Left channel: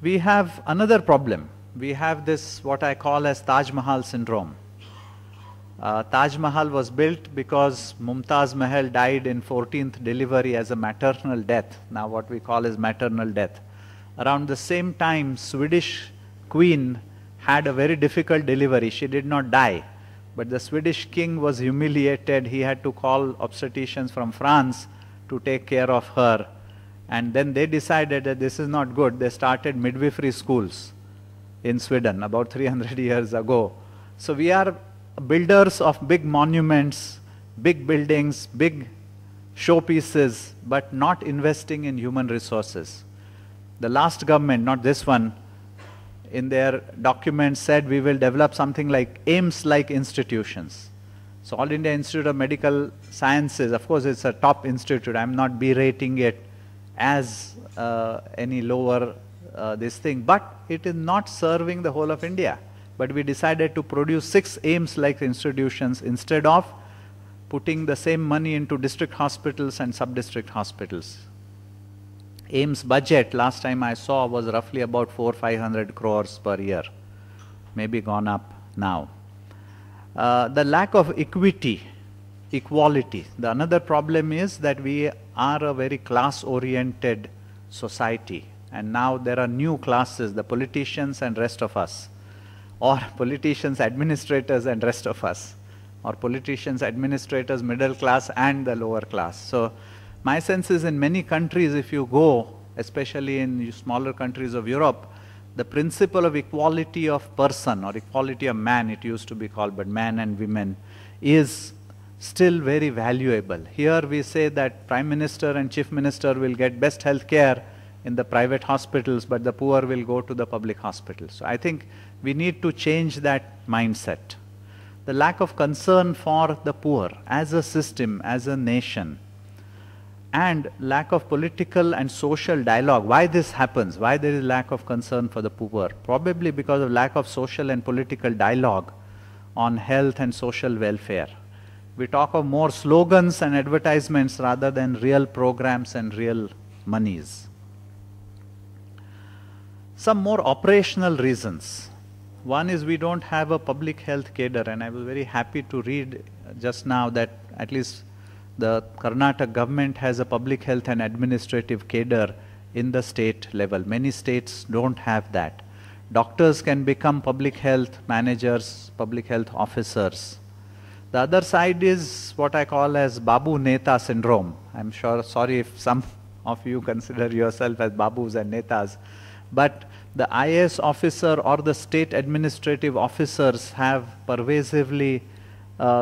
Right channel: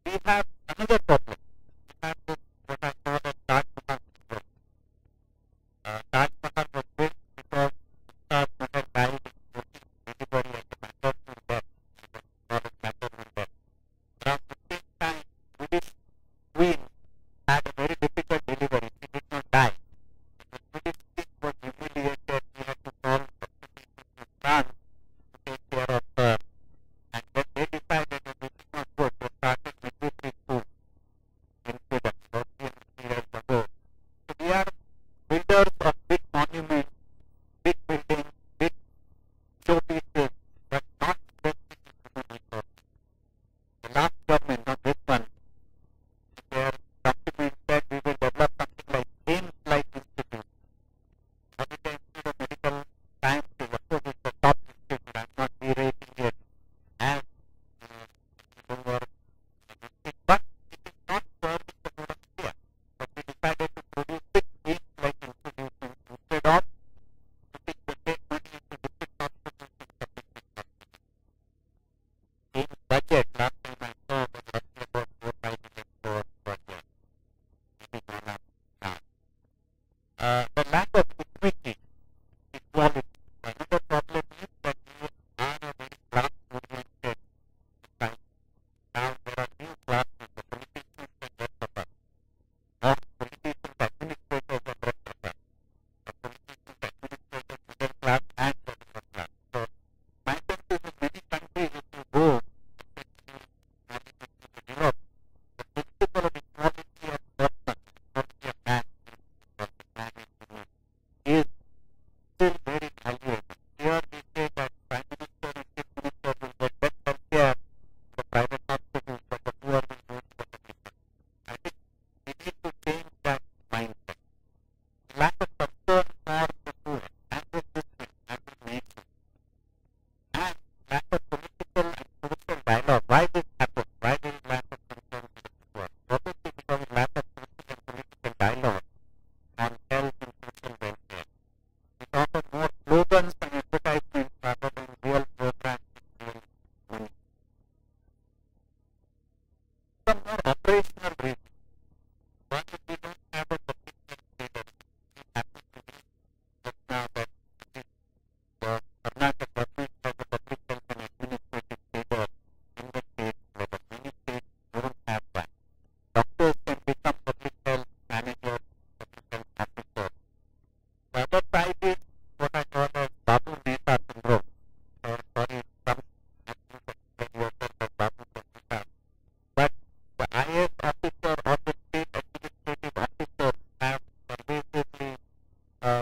We have another problem. We have this, what I call as Taj Mahal syndrome. Taj Mahal was built because Mumtaz Mahal died in 14th delivery as a maternal death, now what we call as maternal death. Around the same time, Swedish queen had a very difficult delivery. She did not die, but the Swedish king was humiliated. He had to call obstetricians from France to take care of her. And then they decided that this is not good. They started midwifery schools in Sweden about 300 years ago. So we are builders of big monuments, big buildings, big showpieces, but not investing in human resources. The last government, not this one, in their document said we will develop something like AIIMS-like institutions. So All India Institute of Medical Sciences, of course it's a top institute, I'm not berating it as any lower this thing, but it is not serving the whole of India. But we decided to produce 6 AIIMS-like institutions instead of putting the same money into district hospitals and sub-district hospitals. AIIMS budget, last time I saw, was roughly about 400-500 crores per year, maybe gone up now. The lack of equality. The another problem is that we are a very class-oriented society, and now there are new classes, the politicians and rest of us, or politicians, administrators and rest of us, or politicians, administrators, middle class and the lower class. So my sense is in many countries, if you go, especially in smaller countries of Europe, the principle of equality of person or equality of man, it used to be called, but man and women, is still very valuable. Here we say that Prime Minister and Chief Minister will get best health care in the private hospitals, but the poor will go to the public hospitals. So I think we need to change that mindset. The lack of concern for the poor as a system, as a nation, and lack of political and social dialogue. Why this happens? Why there is lack of concern for the poor? Probably because of lack of social and political dialogue on health and social welfare. We talk of more slogans and advertisements rather than real programs and real monies. Some more operational reasons. One is we don't have a public health cadre, and I was very happy to read just now that at least the Karnataka government has a public health and administrative cadre in the state level. Many states don't have that. Doctors can become public health managers, public health officers. The other side is what I call as Babu Neta syndrome. I'm sure, sorry if some of you consider yourself as Babus and Netas, but the IAS officer or the state administrative officers have pervasively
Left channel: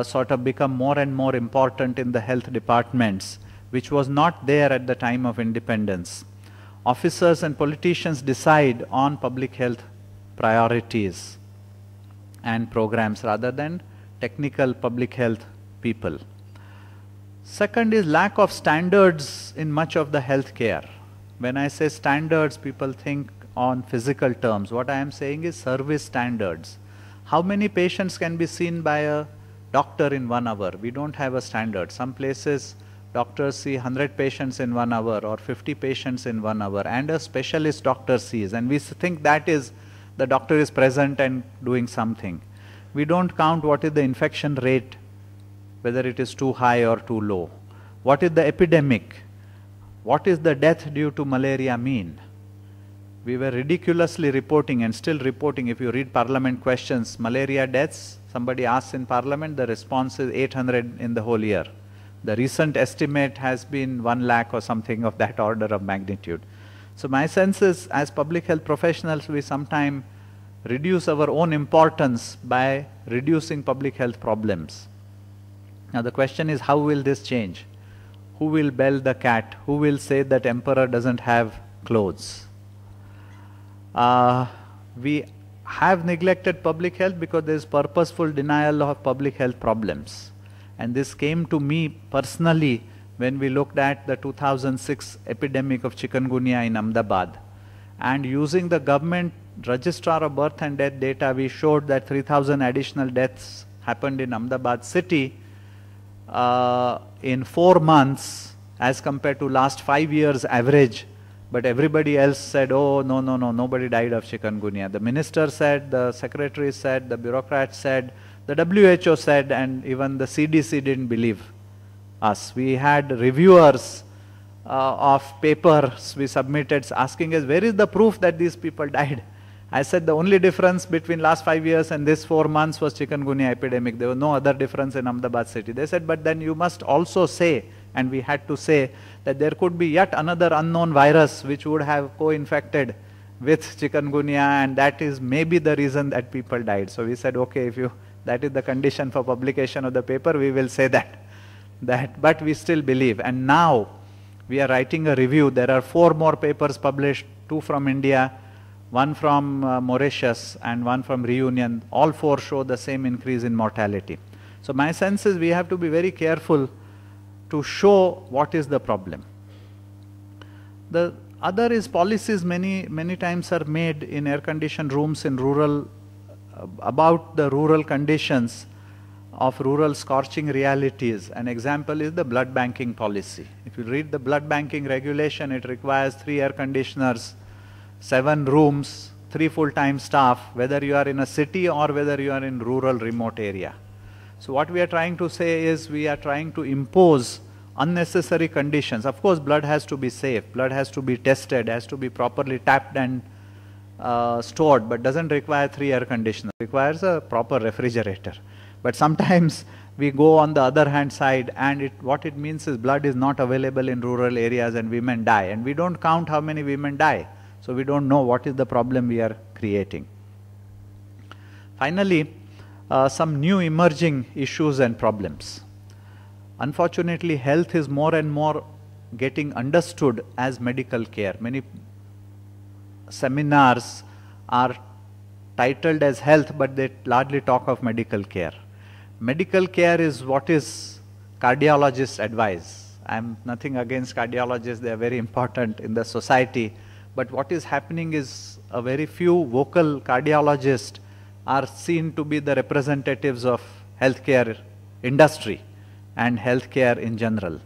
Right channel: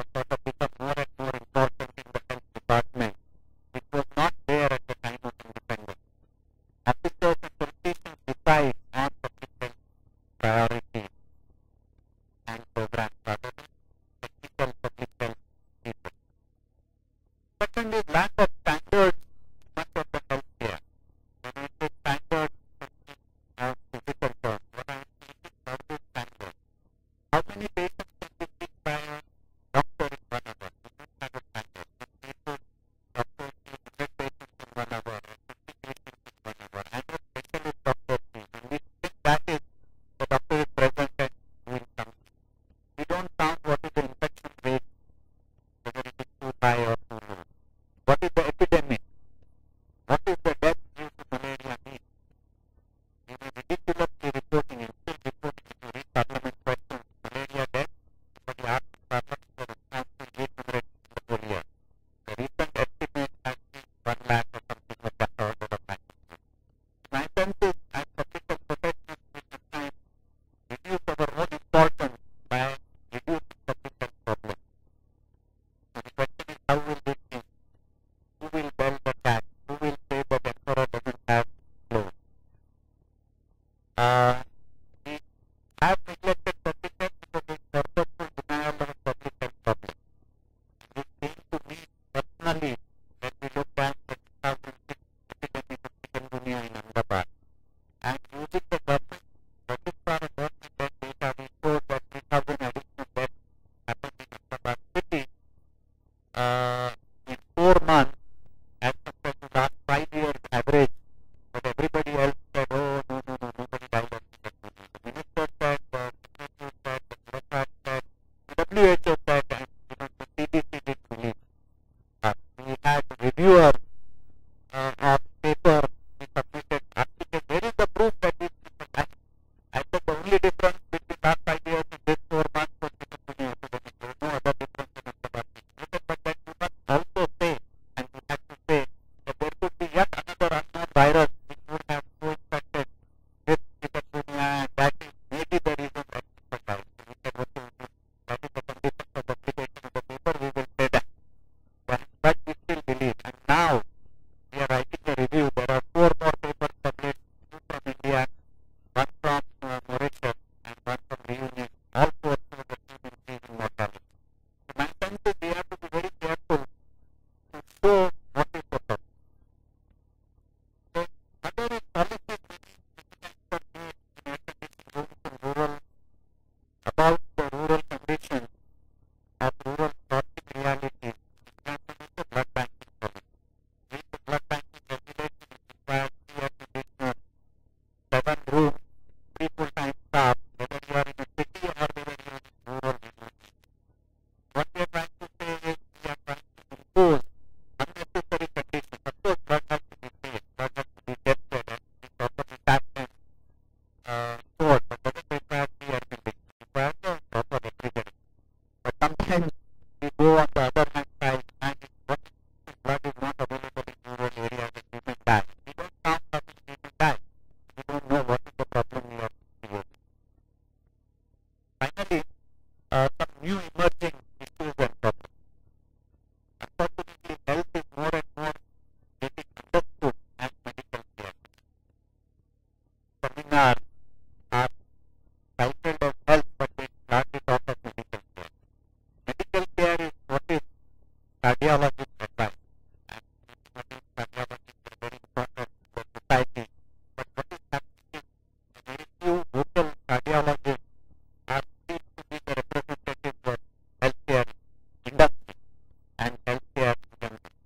sort of become more and more important in the health departments, which was not there at the time of independence. Officers and politicians decide on public health priorities and programs rather than technical public health people. Second is lack of standards in much of the health care. When I say standards, people think on physical terms. What I am saying is service standards. How many patients can be seen by a doctor in 1 hour? We don't have a standard. Some places doctors see 100 patients in 1 hour or 50 patients in 1 hour, and a specialist doctor sees, and we think that is the doctor is present and doing something. We don't count what is the infection rate, whether it is too high or too low. What is the epidemic? What is the death due to malaria mean? We were ridiculously reporting and still reporting. If you read parliament questions, malaria deaths, somebody asks in parliament, the response is 800 in the whole year. The recent estimate has been 1 lakh or something of that order of magnitude. So my sense is, as public health professionals, we sometimes reduce our own importance by reducing public health problems. Now the question is, how will this change? Who will bell the cat? Who will say that emperor doesn't have clothes? We have neglected public health because there is purposeful denial of public health problems. And this came to me personally when we looked at the 2006 epidemic of chikungunya in Ahmedabad. And using the government registrar of birth and death data, we showed that 3,000 additional deaths happened in Ahmedabad city in 4 months as compared to last 5 years average But everybody else said, oh, no, no, no, nobody died of chikungunya. The minister said, the secretary said, the bureaucrats said, the WHO said, and even the CDC didn't believe us. We had reviewers of papers we submitted asking us, where is the proof that these people died? I said the only difference between last 5 years and this 4 months was chikungunya epidemic. There was no other difference in Ahmedabad city. They said, but then you must also say, and we had to say, that there could be yet another unknown virus which would have co-infected with chikungunya, and that is maybe the reason that people died. So we said, okay, if that is the condition for publication of the paper, we will say that. But we still believe. And now we are writing a review. There are 4 more papers published, 2 from India, 1 from Mauritius, and 1 from Reunion. All 4 show the same increase in mortality. So my sense is we have to be very careful to show what is the problem. The other is policies many times are made in air-conditioned rooms in rural, about the rural conditions of rural scorching realities. An example is the blood banking policy. If you read the blood banking regulation, it requires 3 air conditioners, 7 rooms, 3 full-time staff, whether you are in a city or whether you are in rural remote area. So what we are trying to say is we are trying to impose unnecessary conditions. Of course, blood has to be safe, blood has to be tested, has to be properly tapped and stored, but doesn't require 3 air conditioners. It requires a proper refrigerator. But sometimes we go on the other hand side, and what it means is blood is not available in rural areas and women die, and we don't count how many women die. So we don't know what is the problem we are creating. Finally, some new emerging issues and problems. Unfortunately, health is more and more getting understood as medical care. Many seminars are titled as health, but they largely talk of medical care. Medical care is what is cardiologists advise. I am nothing against cardiologists, they are very important in the society. But what is happening is a very few vocal cardiologists are seen to be the representatives of healthcare industry and healthcare in general.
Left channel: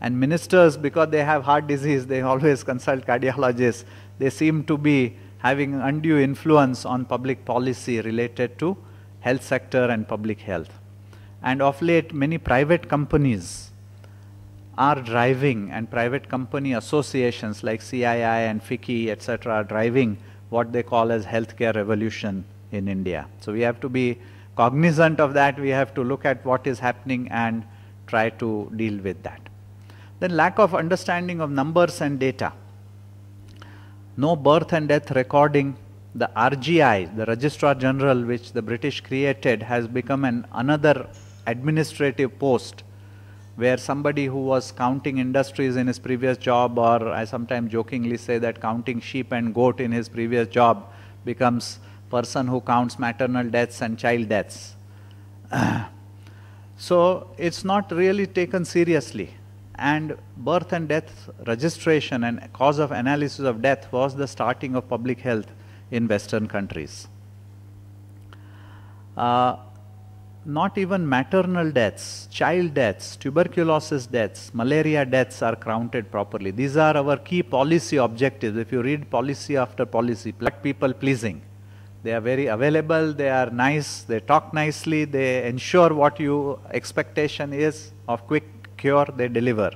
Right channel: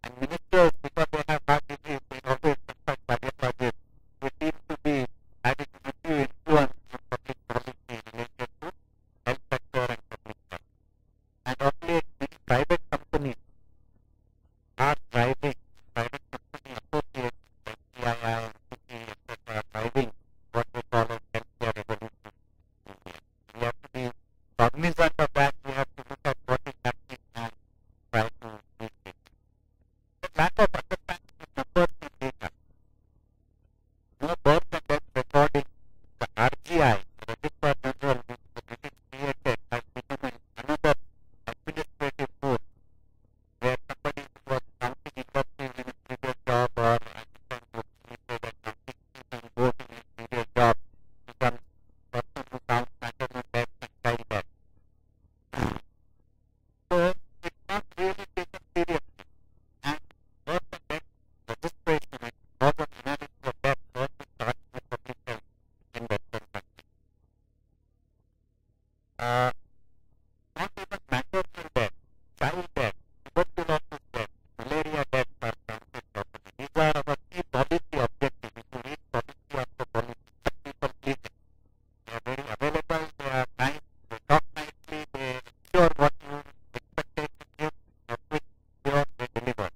And ministers, because they have heart disease, they always consult cardiologists. They seem to be having undue influence on public policy related to health sector and public health. And of late, many private companies are driving, and private company associations like CII and FICCI, etc., are driving what they call as healthcare revolution in India. So we have to be cognizant of that. We have to look at what is happening and try to deal with that. Then lack of understanding of numbers and data. No birth and death recording. The RGI, the Registrar General, which the British created, has become another administrative post where somebody who was counting industries in his previous job, or I sometimes jokingly say that counting sheep and goat in his previous job, becomes person who counts maternal deaths and child deaths. So it's not really taken seriously. And birth and death registration and cause of analysis of death was the starting of public health in Western countries. Not even maternal deaths, child deaths, tuberculosis deaths, malaria deaths are counted properly. These are our key policy objectives. If you read policy after policy, people pleasing. They are very available, they are nice, they talk nicely, they ensure what your expectation is of quick cure, they deliver.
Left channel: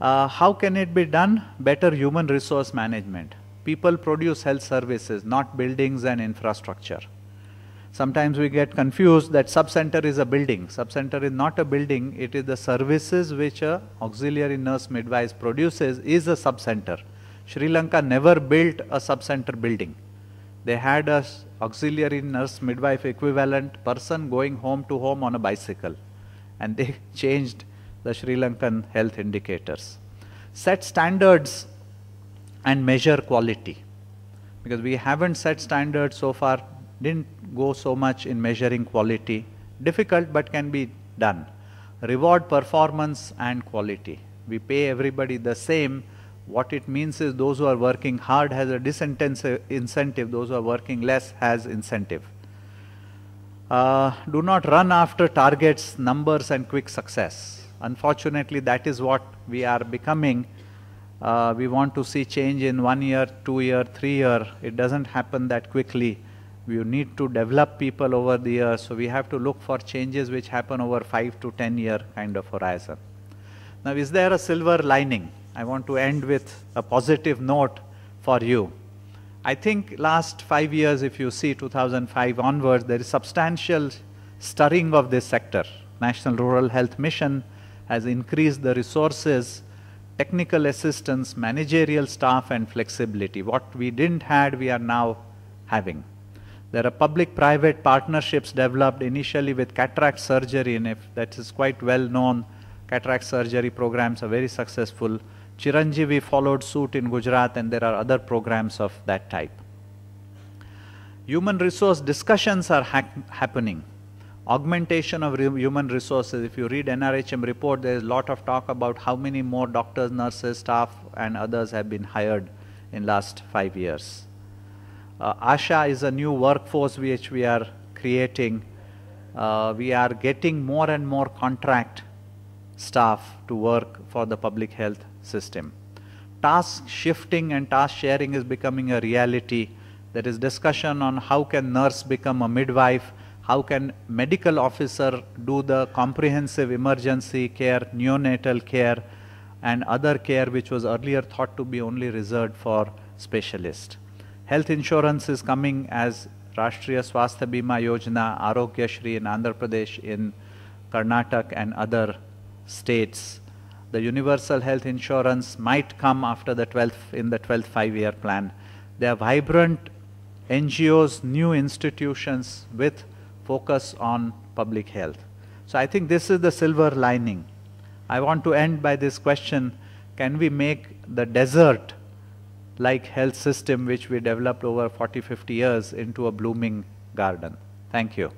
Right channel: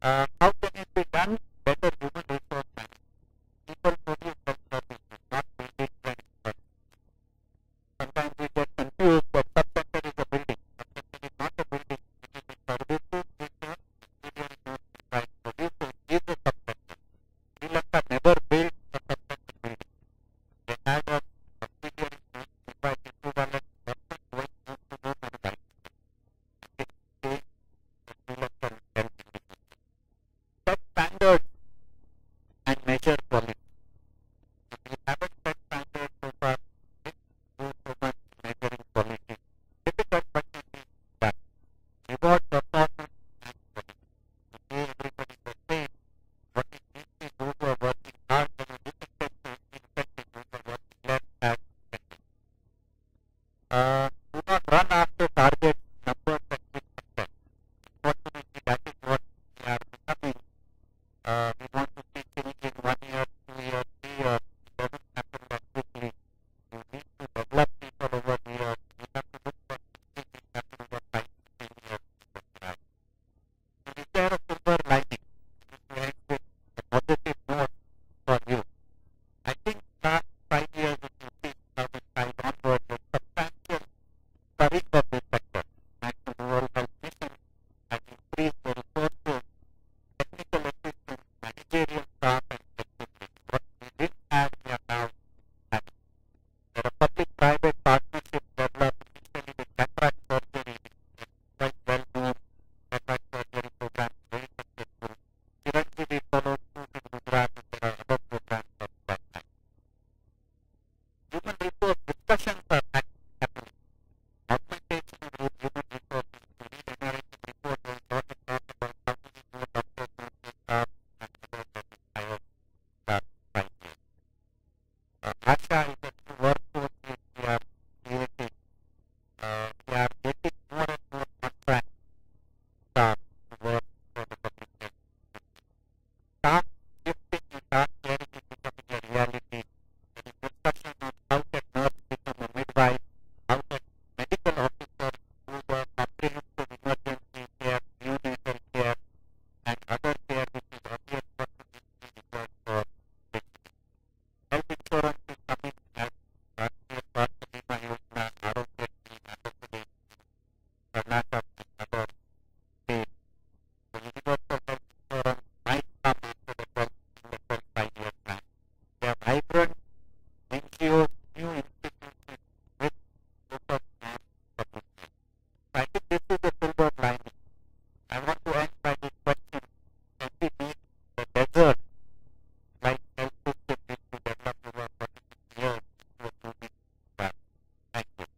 How can it be done? Better human resource management. People produce health services, not buildings and infrastructure. Sometimes we get confused that sub-center is a building. Sub-center is not a building, it is the services which a auxiliary nurse midwife produces is a sub-center. Sri Lanka never built a sub-center building. They had a auxiliary nurse midwife equivalent person going home to home on a bicycle, and they changed the Sri Lankan health indicators. Set standards and measure quality, because we haven't set standards so far, didn't go so much in measuring quality. Difficult, but can be done. Reward performance and quality. We pay everybody the same. What it means is those who are working hard has a disincentive, those who are working less has incentive. Do not run after targets, numbers and quick success. Unfortunately, that is what we are becoming. We want to see change in 1 year, 2 year, 3 year. It doesn't happen that quickly. We need to develop people over the years, so we have to look for changes which happen over 5 to 10 year kind of horizon. Now, is there a silver lining? I want to end with a positive note for you. I think last 5 years, if you see 2005 onwards, there is substantial stirring of this sector. National Rural Health Mission has increased the resources, technical assistance, managerial staff and flexibility. What we didn't have, we are now having. There are public-private partnerships developed initially with cataract surgery, and if that is quite well known, cataract surgery programs are very successful. Chiranjeevi followed suit in Gujarat, and there are other programs of that type. Human resource discussions are happening. Augmentation of human resources. If you read NRHM report, there is a lot of talk about how many more doctors, nurses, staff and others have been hired in last 5 years. ASHA is a new workforce which we are creating. We are getting more and more contract staff to work for the public health system. Task shifting and task sharing is becoming a reality. There is discussion on how can nurse become a midwife, how can medical officer do the comprehensive emergency care, neonatal care and other care which was earlier thought to be only reserved for specialists. Health insurance is coming as Rashtriya Swasthya Bima Yojana, Arogya Shri in Andhra Pradesh, in Karnataka and other states. The universal health insurance might come after the 12th 5-year plan. There are vibrant NGOs, new institutions with focus on public health. So I think this is the silver lining. I want to end by this question: can we make the desert like health system which we developed over 40-50 years into a blooming garden? Thank you.